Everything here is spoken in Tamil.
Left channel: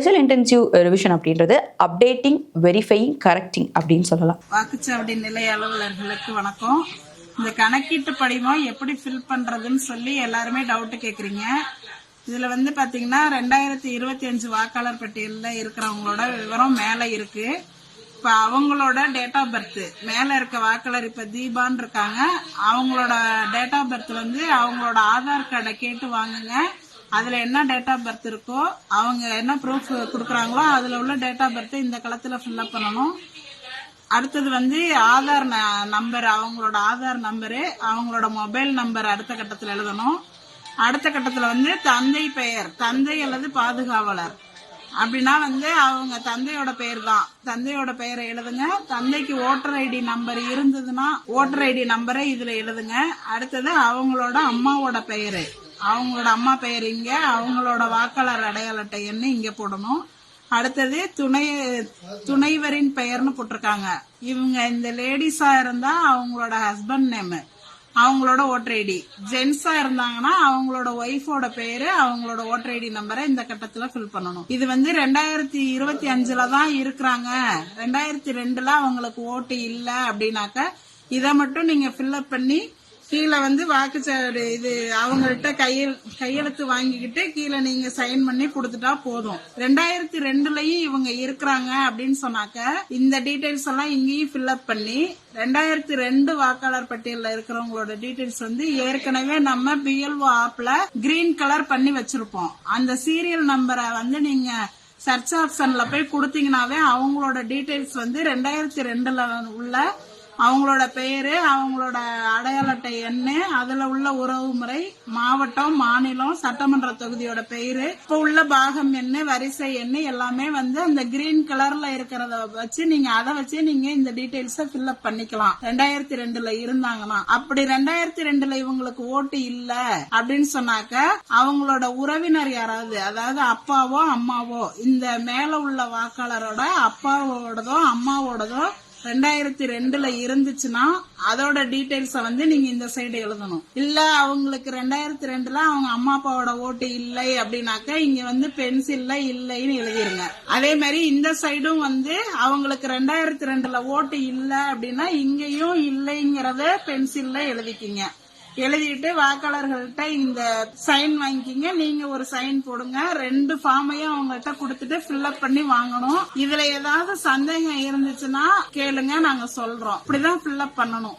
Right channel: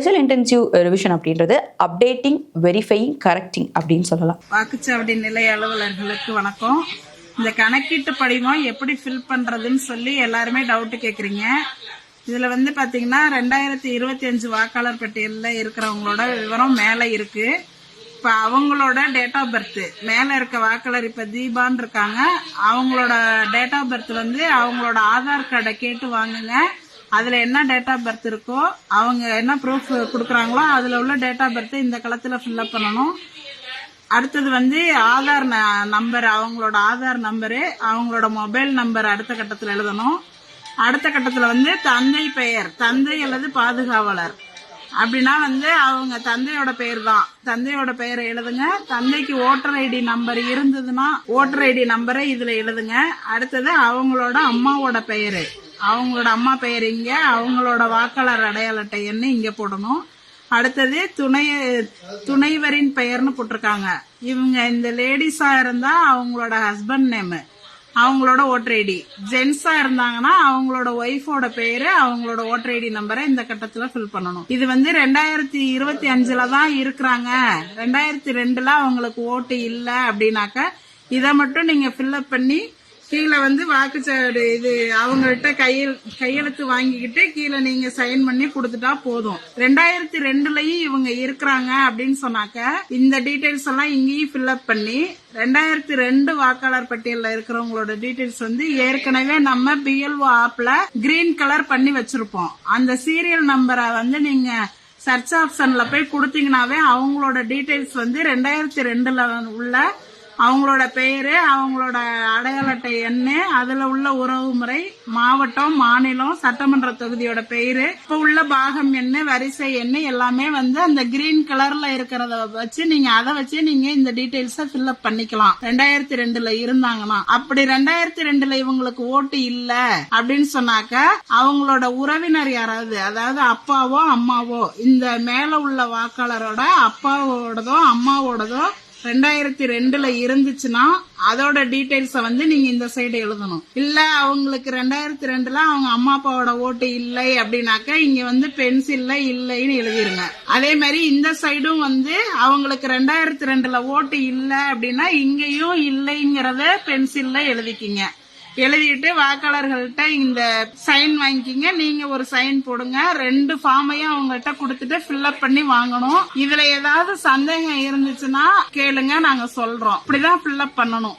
ஸ்பெஷல் இன்டென்சிவ் ரிவிஷன் அப்படின்றது அப்டேட்டிங், வெரிஃபையிங், கரெக்டிங் அப்படின்னு சொல்லலாம். வாக்குச்சாவடி நிலைய அலுவலர்களுக்கு வணக்கம். இந்த கணக்கீட்டு படிவம் எப்படி ஃபில் பண்றதுன்னு சொல்லி எல்லாருமே டவுட் கேக்குறீங்க. இதுல பாத்தீங்கன்னா 2025 வாக்காளர் பட்டியலில் இருக்கிறவங்களோட விவரம் மேல இருக்கு. இப்ப அவங்களோட டேட் ஆஃப் பர்த் மேல இருக்க வாக்காளர் இப்ப தீபான்னு இருக்காங்க. அவங்களோட டேட் ஆஃப் பர்த் அவங்களோட ஆதார் கார்டை கேட்டு வாங்குங்க. அதுல என்ன டேட் ஆஃப் பர்த் இருக்கோ, அவங்க என்ன ப்ரூஃப் கொடுக்குறாங்களோ அதுல உள்ள டேட் ஆஃப் பர்த் இந்த களத்துல ஃபில்அப் பண்ணணும். அடுத்தது ஆதார் நம்பர், அவங்களோட ஆதார் நம்பரு, அவங்களோட மொபைல் நம்பர் அடுத்த கட்டத்துல எழுதணும். அடுத்த கட்டத்துல தந்தை பெயர், தந்தை அல்லது பாதுகாவலர் அப்படின்னா அவங்க தந்தையோட பெயர் தான். தந்தையோட பெயரை எழுதுங்க. தந்தைக்கு ஓட்டர் ஐடி நம்பர் இருந்ததுன்னா ஓட்டர் ஐடி நம்பரை இதுல எழுதுங்க. அடுத்தது அவங்களோட அம்மாவோட பெயரு, அவங்களோட அம்மா பெயர் இங்க, அவங்களோட வாக்காளர் அடையாள அட்டை எண்ணு இங்க போடணும். அடுத்தது துணைவரின் பெயர்னு போட்டிருக்காங்க. இவங்க இந்த லேடிஸா இருந்தா அவங்களோட ஹஸ்பண்ட் நேம், அவங்களோட ஓட்டர் ஐடி. ஜென்ஸா இருந்தாங்கன்னா அவங்களோட ஒய்ஃபோட பேரு, அவங்களோட ஓட்டர் ஐடி நம்பரை இந்த கட்டத்துல ஃபில் பண்ணணும். இது 2025 தான் இருக்கிறாங்க. 2002 அவங்களுக்கு ஓட்டு இல்ல அப்படின்னாக்க இதை மட்டும் நீங்க ஃபில்அப் பண்ணி கீழே வாக்குச்சாவடி இது அவங்கள்ட்ட கையெழுத்து வாங்கிக்கிட்டு கீழே நீங்க சைன் பண்ணி கொடுத்துட்டா போதும். 2002லயும் இவங்க இருக்கிறாங்க அப்படின்னு சொன்னாக்க இந்த டீடைல்ஸ் எல்லாம் இங்கேயும் ஃபில்அப் பண்ணி 2002 வாக்காளர் பட்டியலில் இருக்கிறவங்களோட டீடைல்ஸ் ஏற்கனவே நம்ம BLO ஆப்ல கிரீன் கலர் பண்ணி வச்சிருப்போம். அந்த சீரியல் நம்பரை நீங்க சர்ச் ஆப்ஷன்ல போய் கொடுத்தீங்கன்னாவே அவங்களோட டீடைல்ஸ் 2002ல உள்ள அவங்களோட பெயரு, அவங்களோட அடையாள அட்டை எண்ணு, அதுல உள்ள உறவு முறை, மாவட்டம், மாநிலம், சட்டமன்ற தொகுதியோட பெயரு, இப்ப உள்ள பாகம் எண்ணு, வரிசை எண்ணு எல்லாமே அந்த கிரீன் கலர்ல இருக்கிறத வச்சு நீங்க அதை வச்சு நீங்க இந்த டீடைல்ஸ ஃபில்அப் பண்ணிக்கலாம். 2002ல இருந்தாங்கன்னா. அப்படி 2002ல இவங்களுக்கு ஓட்டு இல்ல அப்படின்னு சொன்னாக்க அவங்களோட உறவினர் யாராவது, அதாவது அப்பாவோ அம்மாவோ, இந்த மேல உள்ள வாக்காளரோட அப்பாவோடதோ அம்மாவோடதோ 2002ல இருந்துச்சுன்னா அதோட டீடைல்ஸ நீங்க இந்த சைடு எழுதணும். இல்ல அவங்களுக்கு 2002ல அவங்க அம்மா அப்பாவோட ஓட்டு இல்லை அப்படின்னாக்க இங்க பென்சில்ல இல்லைன்னு எழுதிருங்க. அதே மாதிரி இந்த சைடும் அவங்களுக்கு 2002ல ஓட்டு இல்ல அப்படின்னா இங்கேயும் இல்லைங்கிறத பென்சில்ல எழுதிக்கிங்க. எழுதிட்டு வாக்காளர்கள்ட்ட இந்த சைன் வாங்கிக்கிங்க. நீங்க ஒரு சைன் போடுங்க. 2 ஃபார்மையும் அவங்கள்ட்ட கொடுத்துட்டு ஃபில்அப் பண்ணி வாங்கணும். இதுல ஏதாவது சந்தேகம் இருந்துச்சுன்னா கேளுங்க, நாங்க சொல்றோம். இப்படிதான் ஃபில்அப் பண்ணணும்.